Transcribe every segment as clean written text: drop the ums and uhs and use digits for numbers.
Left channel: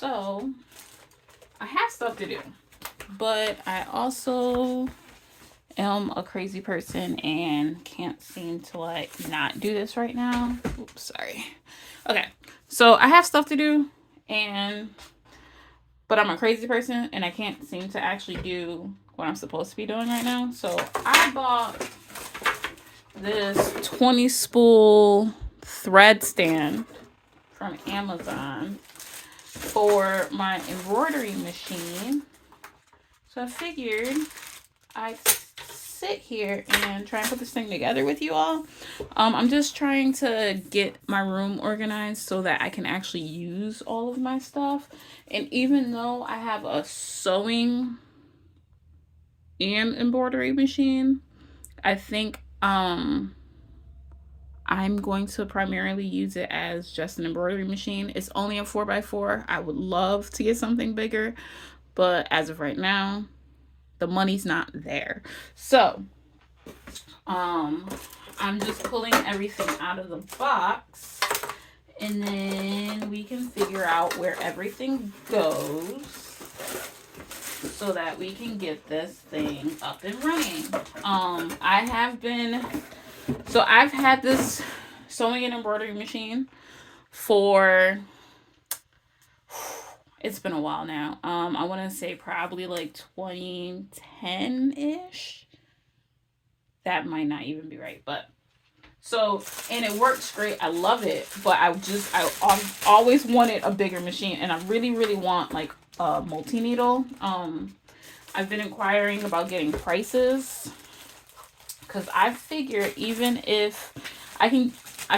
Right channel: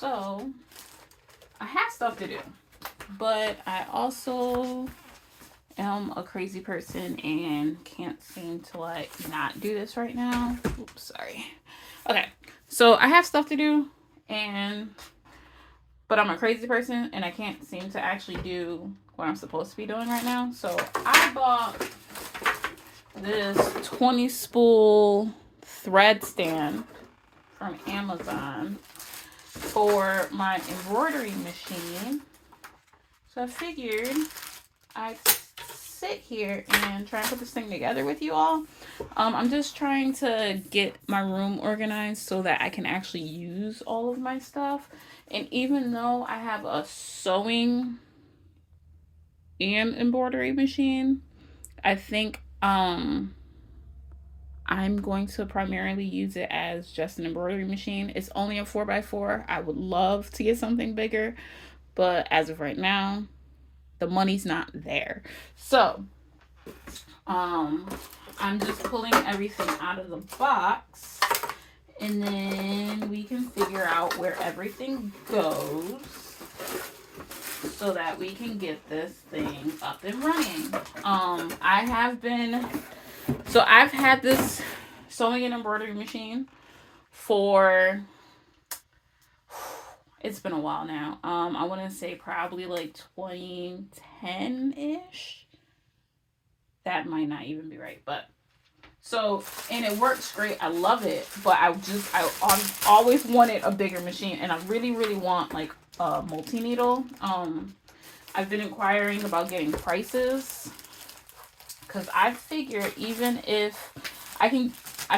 So I have stuff to do, but I also am a crazy person and can't seem to like not do this right now. Oops, sorry. Okay. So I have stuff to do, and but I'm a crazy person and I can't seem to actually do what I'm supposed to be doing right now. So I bought this 20 spool thread stand from Amazon for my embroidery machine. So I figured I'd sit here and try and put this thing together with you all. I'm just trying to get my room organized so that I can actually use all of my stuff. And even though I have a sewing and embroidery machine, I think I'm going to primarily use it as just an embroidery machine. It's only a 4x4. I would love to get something bigger, but as of right now, the money's not there. So, um, I'm just pulling everything out of the box, and then we can figure out where everything goes so that we can get this thing up and running. I've had this sewing and embroidery machine for, it's been a while now. I want to say probably like 2010 ish. That might not even be right, but so, and it works great. I love it, but I always wanted a bigger machine, and I really really want like a multi needle. I've been inquiring about getting prices because I figure even if I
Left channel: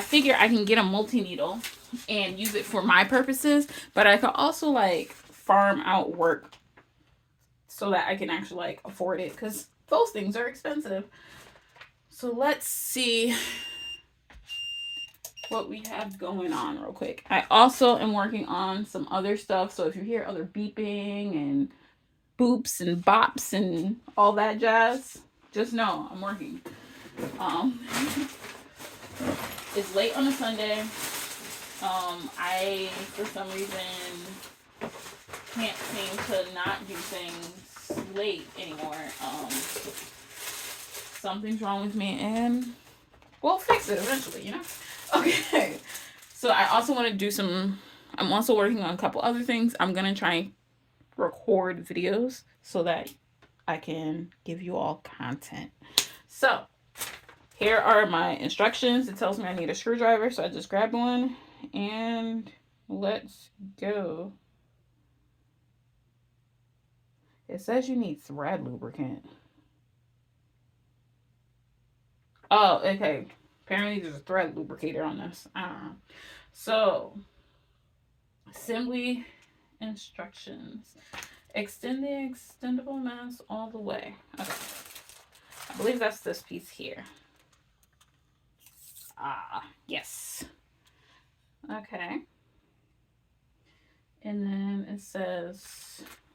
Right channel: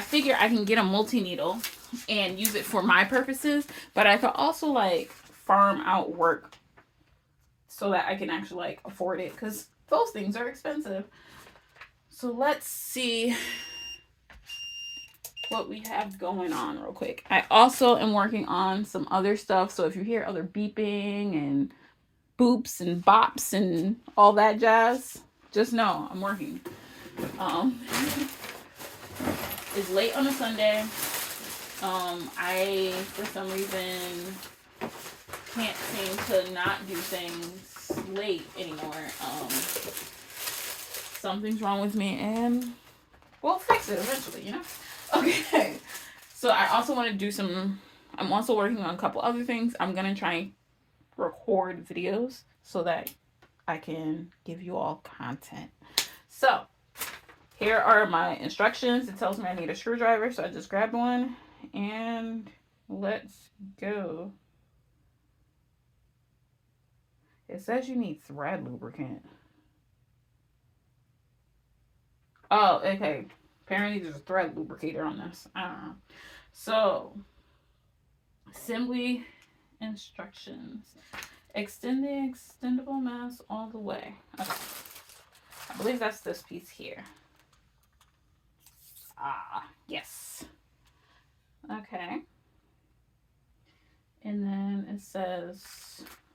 figure I can get a multi needle and use it for my purposes, but I could also like farm out work so that I can actually like afford it because those things are expensive. So let's see what we have going on real quick. I also am working on some other stuff. So if you hear other beeping and boops and bops and all that jazz, just know I'm working. Um, it's late on a Sunday. I for some reason can't seem to not do things late anymore. Something's wrong with me, and we'll fix it eventually, you know? Okay. So I also want to do some, I'm also working on a couple other things. I'm going to try and record videos so that I can give you all content. So here are my instructions. It tells me I need a screwdriver, so I just grabbed one and let's go. It says you need thread lubricant. Oh, okay. Apparently there's a thread lubricator on this. I don't know. So, assembly instructions. Extend the extendable mass all the way. Okay. I believe that's this piece here. Ah, yes. Okay. And then it says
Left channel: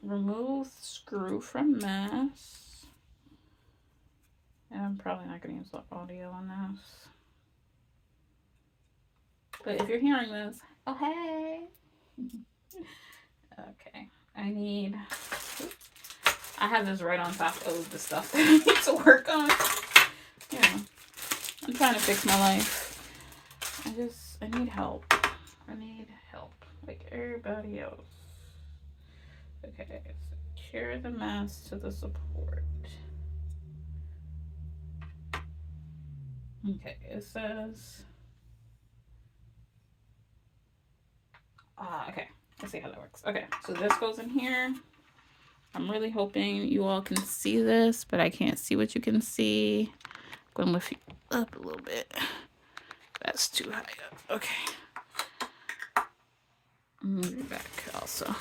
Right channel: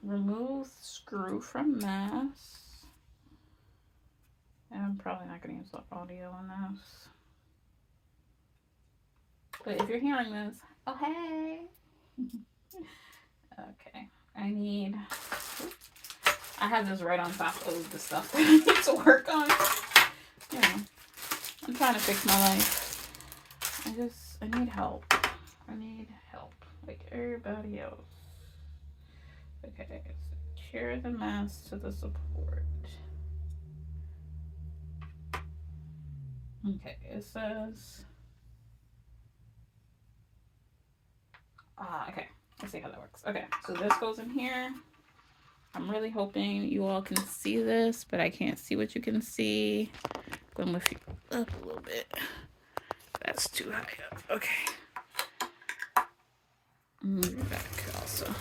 remove screw from mass. And I'm probably not going to use the audio on this. But if you're hearing this, oh hey. Okay. I have this right on top of the stuff that I need to work on. You know, I'm trying to fix my life. I need help. I need help. Like everybody else. Okay, secure the mass to the support. Okay, it says. Okay. Let's see how that works. Okay, so this goes in here. I'm really hoping you all can see this, but I can't see what you can see. I'm going to lift you up a little bit. That's too high up. Okay. Move it back also.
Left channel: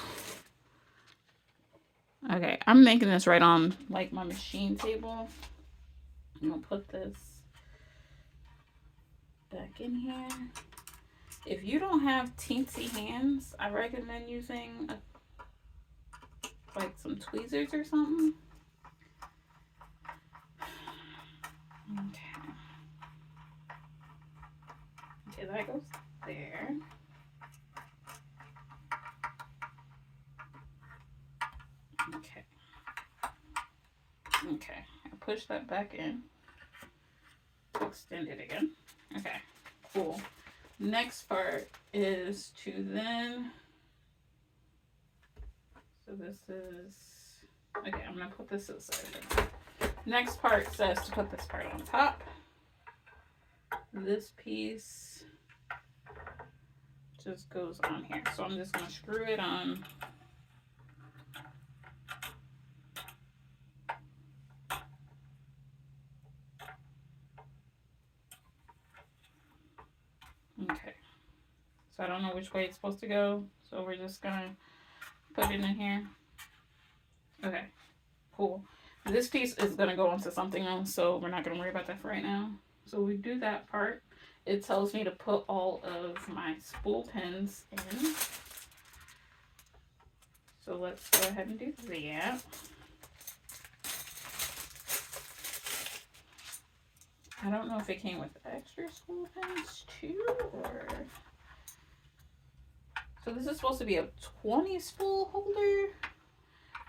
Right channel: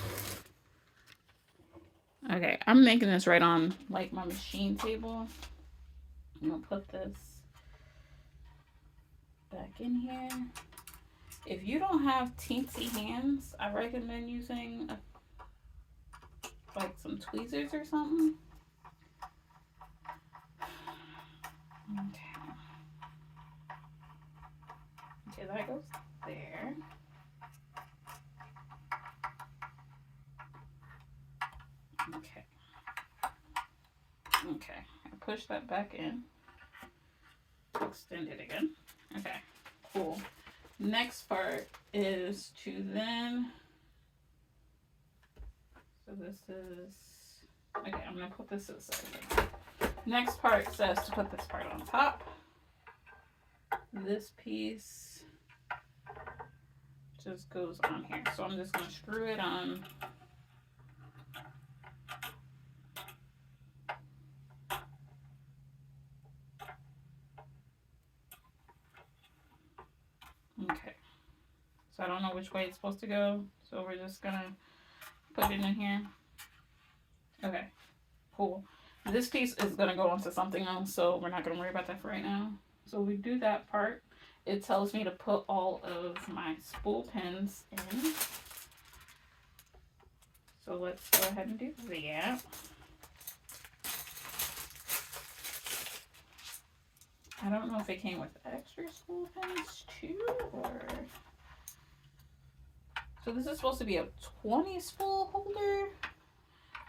Okay, I'm making this right on like my machine table. I'm gonna put this back in here. If you don't have teensy hands, I recommend using like some tweezers or something. Okay. Okay, that goes there. push that back in. Extend it again. Okay, cool. Next part is to then, so this is, okay, I'm gonna put this aside. Next part says to put this part on top. This piece just goes on here. So I'm just gonna screw it on. Okay. So I don't know which way it's supposed to go. So we're just gonna put it in here. Okay, cool. This piece is gonna go onto something else, so we're not gonna worry about that for right now. So we do that part. It tells me to put all of my spool pins in. So let's go ahead and do that. I don't know if it came with extra spool pins too, or... So this is supposed to be a 20 spool holder,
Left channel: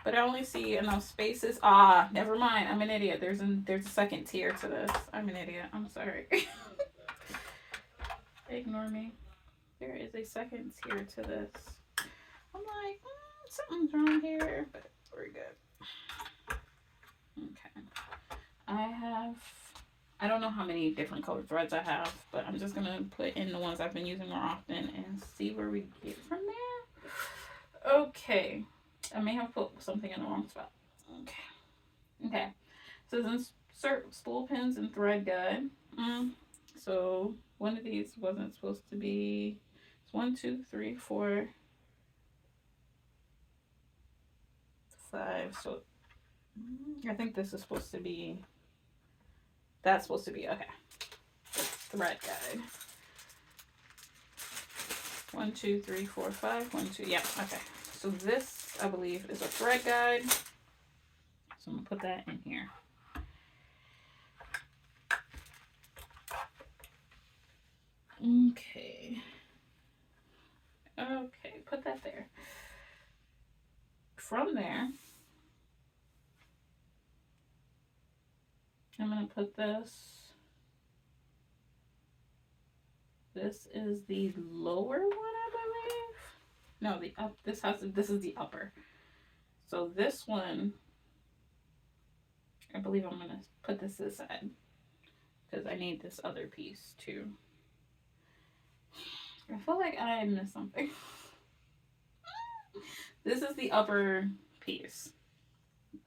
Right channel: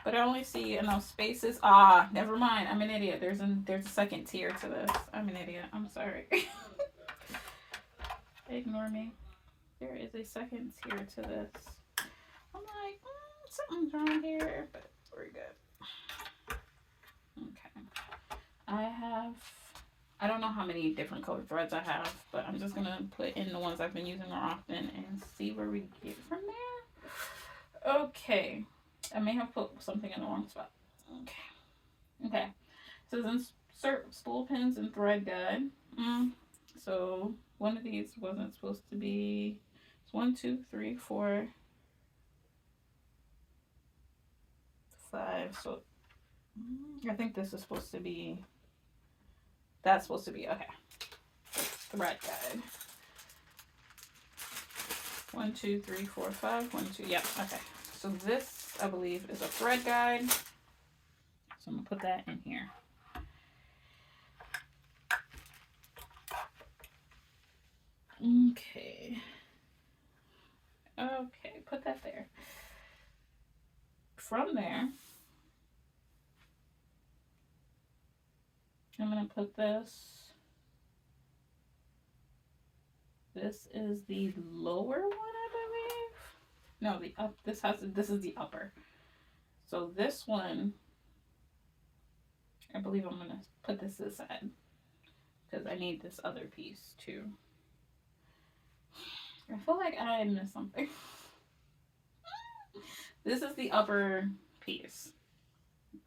but I only see enough spaces. Ah, never mind. I'm an idiot. There's a second tier to this. I'm an idiot. I'm sorry. Ignore me. There is a second tier to this. I'm like, something's wrong here, but we're good. Okay. I don't know how many different colored threads I have, but I'm just gonna put in the ones I've been using more often and see where we get from there. Okay. I may have put something in the wrong spot. Okay. So insert spool pins and thread guide. So one of these wasn't supposed to be. It's 1, 2, 3, 4, 5. So I think this is supposed to be. That's supposed to be okay. Thread guide. 1, 2, 3, 4, 5. 1, 2. Yeah. Okay. So this, I believe, is a thread guide. So I'm gonna put that in here. Okay. Okay, put that there. From there, I'm gonna put this. This is the lower one, I believe. No, the up. This is the upper. So this one, I believe I'm gonna put this aside because I need this other piece too. I feel like I missed something. This is the upper piece.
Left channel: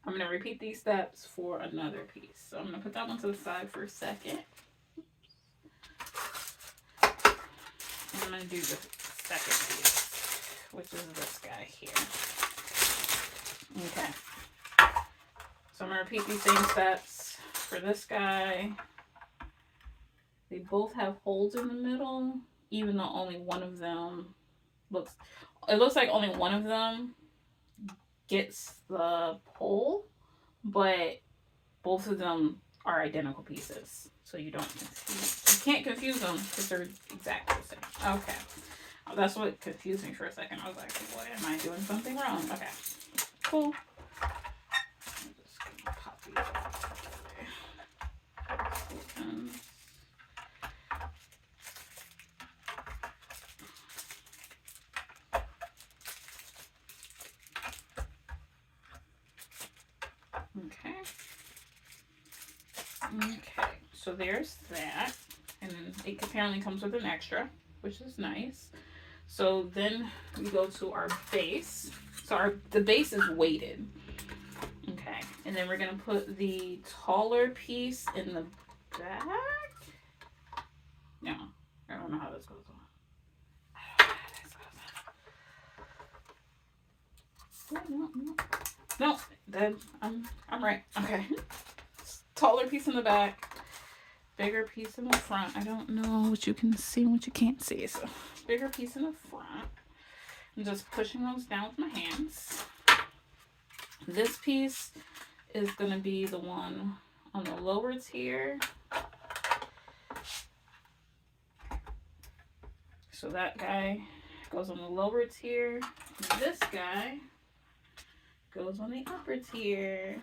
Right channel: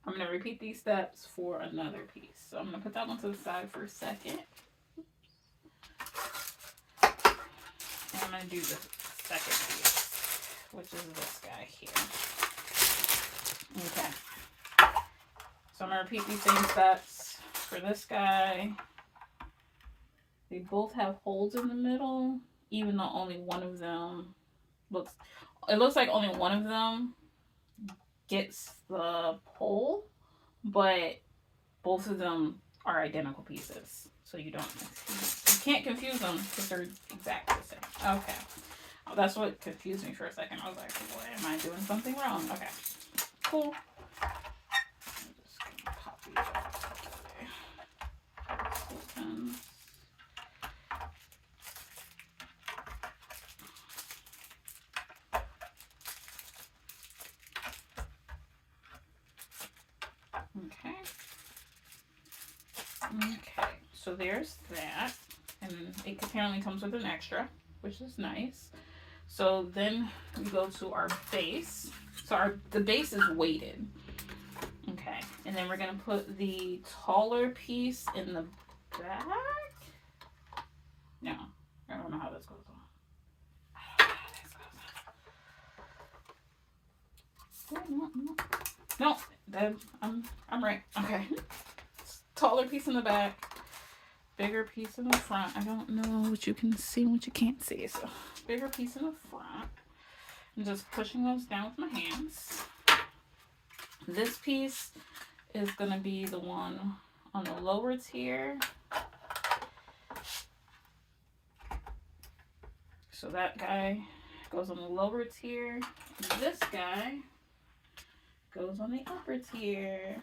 I'm going to repeat these steps for another piece. So I'm going to put that one to the side for a second. And I'm going to do the second piece, which is this guy here. Okay. So I'm going to repeat these same steps for this guy. They both have holes in the middle, even though only one of them it looks like only one of them gets the pole, but both of them are identical pieces. So you can't confuse them because they're exactly the same. Okay. Oh, that's what confused me for a second. I was like, boy, am I doing something wrong? Okay. Cool. I'm just gonna pop these out. Okay. Okay, so there's that. And then it apparently comes with an extra, which is nice. So then we go to our base. So the base is weighted. Okay, and then we're gonna put the taller piece in the back. No, I don't know how this goes on. No, then I'm right. Okay. Taller piece in the back, bigger piece in the front. I don't know what you can see and what you can't see. So bigger piece in the front. I'm just pushing those down with my hands. This piece is gonna be the one on the lower tier. So that guy goes on the lower tier. And this guy goes on the upper tier.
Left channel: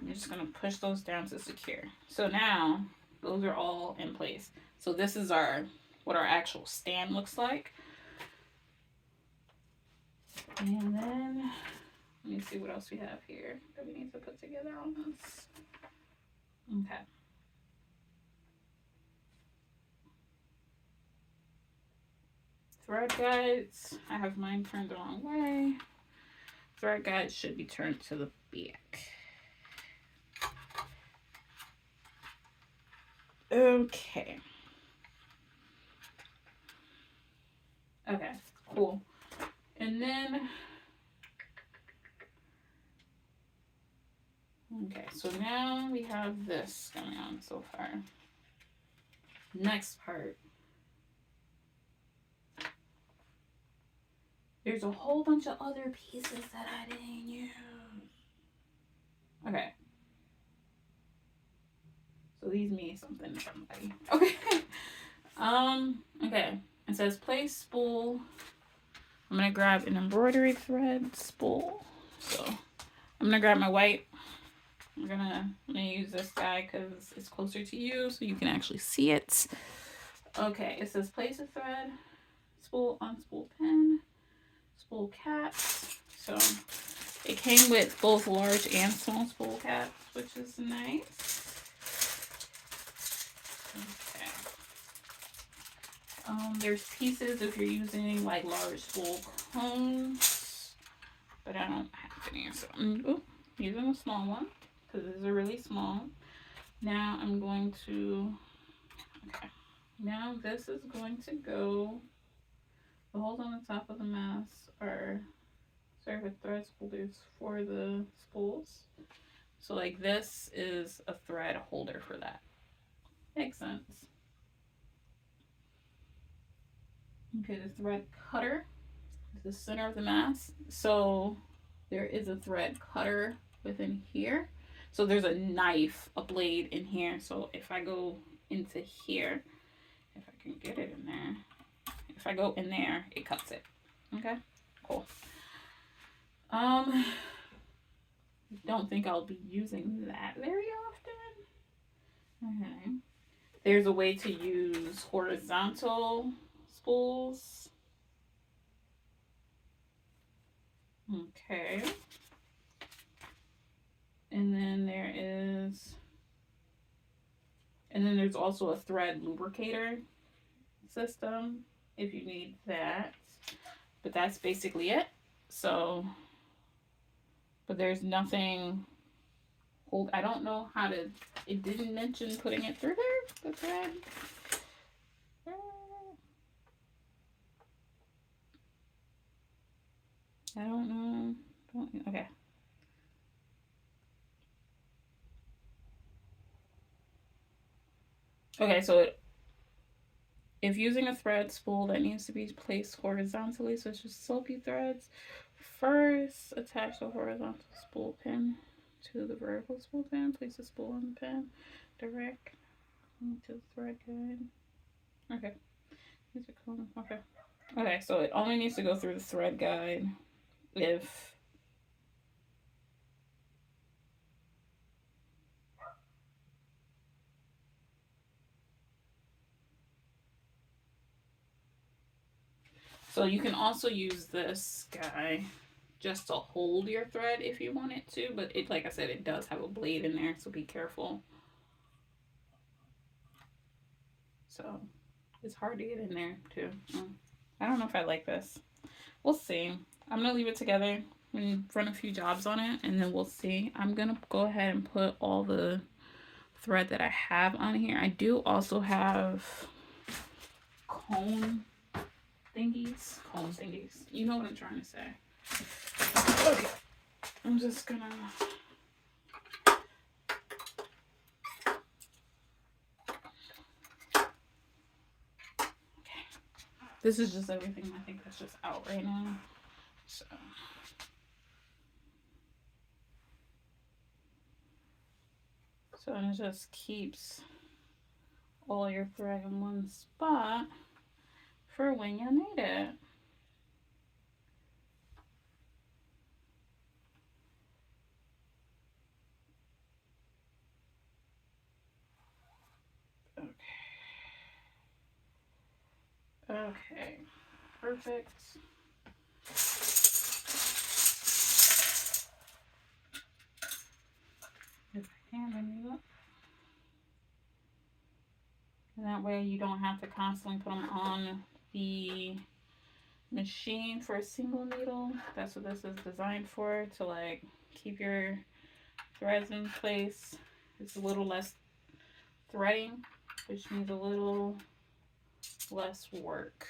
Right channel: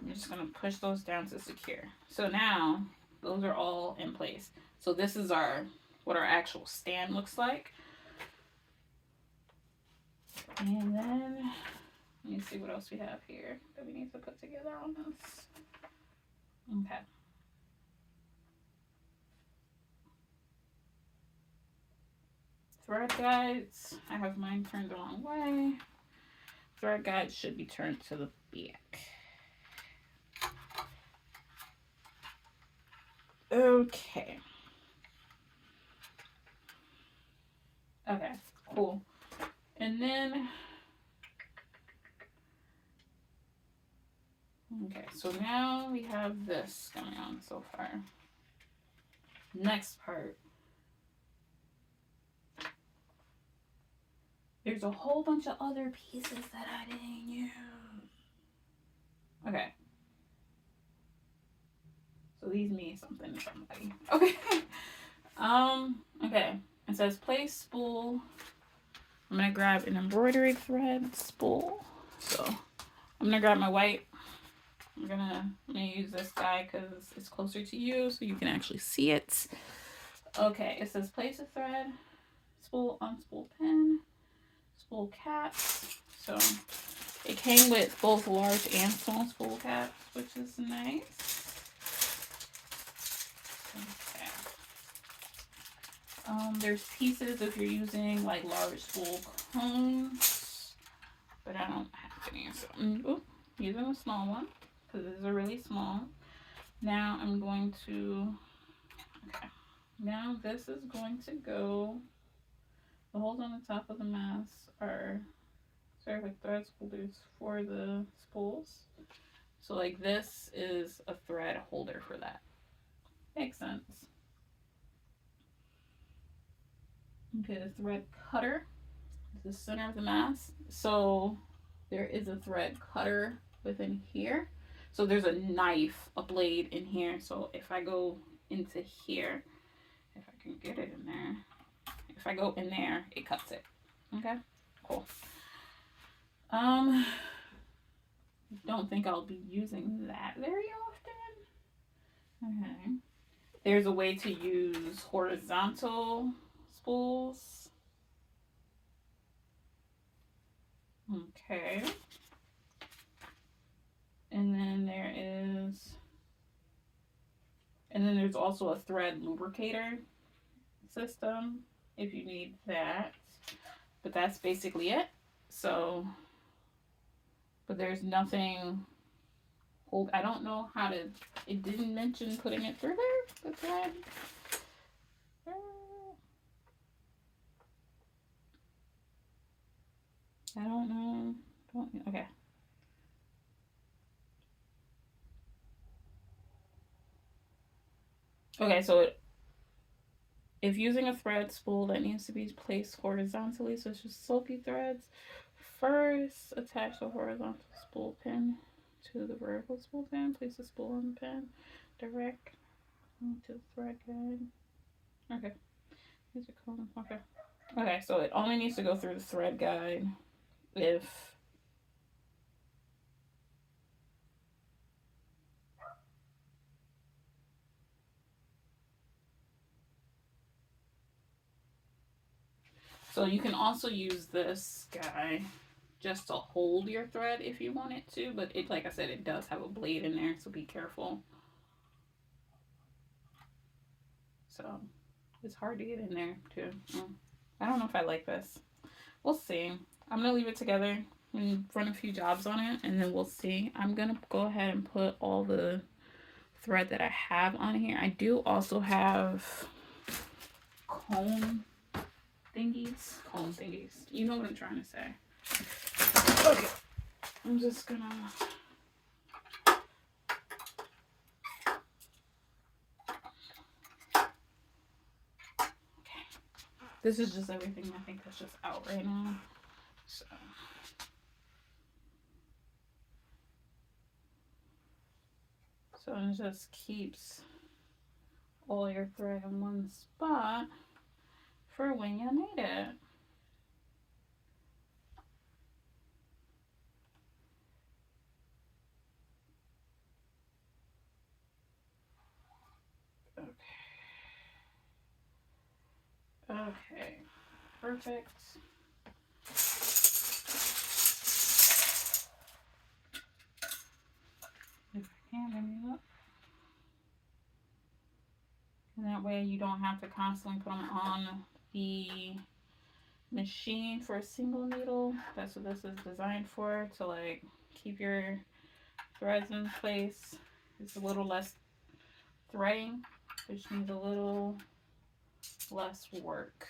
I'm just going to push those down to secure. So now those are all in place. So this is what our actual stand looks like. And then let me see what else we have here that we need to put together on this. Okay. Thread guides. I have mine turned the wrong way. Thread guides should be turned to the back. Okay. Okay, cool. And then, okay, so now we have this going on so far. Next part. There's a whole bunch of other pieces that I didn't use. Okay. So these mean something to somebody. Okay. Okay. It says place spool. I'm gonna grab an embroidery thread spool. So I'm gonna grab my white. I'm gonna use this guy because it's closer to you so you can actually see it. Okay, it says place a thread, spool, unspool pin, spool caps. So it came with both large and small spool caps, which is nice. Okay. There's pieces if you're using like large spool cones, but I don't have any. So I'm using a small one because these are really small. Now I'm going to, okay. Now this is going to go, the holes on the top of the mask are served with thread holders for the spools. So like this is a thread holder for that. Makes sense. Okay, the thread cutter is the center of the mask. So there is a thread cutter within here. So there's a knife, a blade in here. So if I go into here, if I can get it in there, if I go in there, it cuts it. Okay, cool. Don't think I'll be using that very often. Okay. There's a way to use horizontal spools. Okay. And then there's also a thread lubricator system if you need that. But that's basically it. So, but there's nothing. I don't know how to. It didn't mention putting it through there. The thread. I don't know. Okay. Okay, so if using a thread spool that needs to be placed horizontally, so it's just slopey threads, first attach the horizontal spool pin to the vertical spool pin. Place the spool on the pin, direct to the thread guide. Okay. These are cool. Okay. Okay, so it only needs to go through the thread guide if so you can also use this guy just to hold your thread if you want it to, but it, like I said, it does have a blade in there, so be careful. So it's hard to get in there too. I don't know if I like this. We'll see. I'm gonna leave it together and run a few jobs on it, and then we'll see. I'm gonna go ahead and put all the thread that I have on here. I do also have cone thingies. You know what I'm trying to say. Okay. I'm just gonna. Okay. This is just everything I think that's just out right now. So it just keeps all your thread in one spot for when you need it. Okay, perfect. And that way you don't have to constantly put them on the machine for a single needle. That's what this is designed for, to like keep your threads in place. It's a little less threading, which needs a little less work.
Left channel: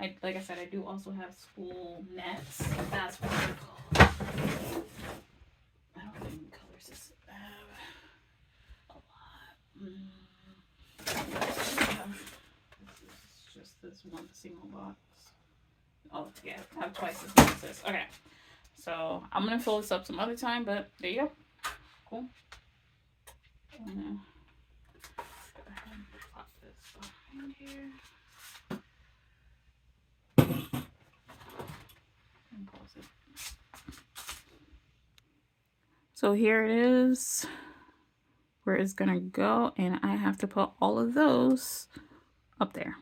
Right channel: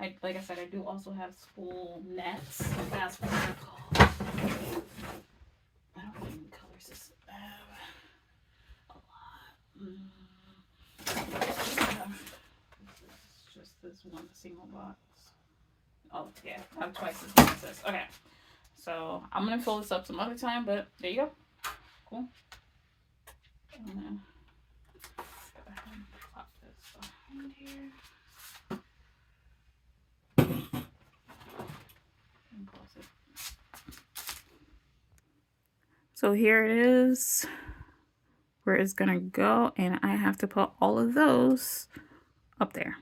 Like I said, I do also have spool nets. That's what they're called. I don't know how many colors this a lot. This is just this one single box. Oh yeah, I have twice as much as this. Okay, so I'm gonna fill this up some other time, but there you go. Cool. I'm gonna pop this behind here. And close it. So here it is, where it's gonna go, and I have to put all of those up there.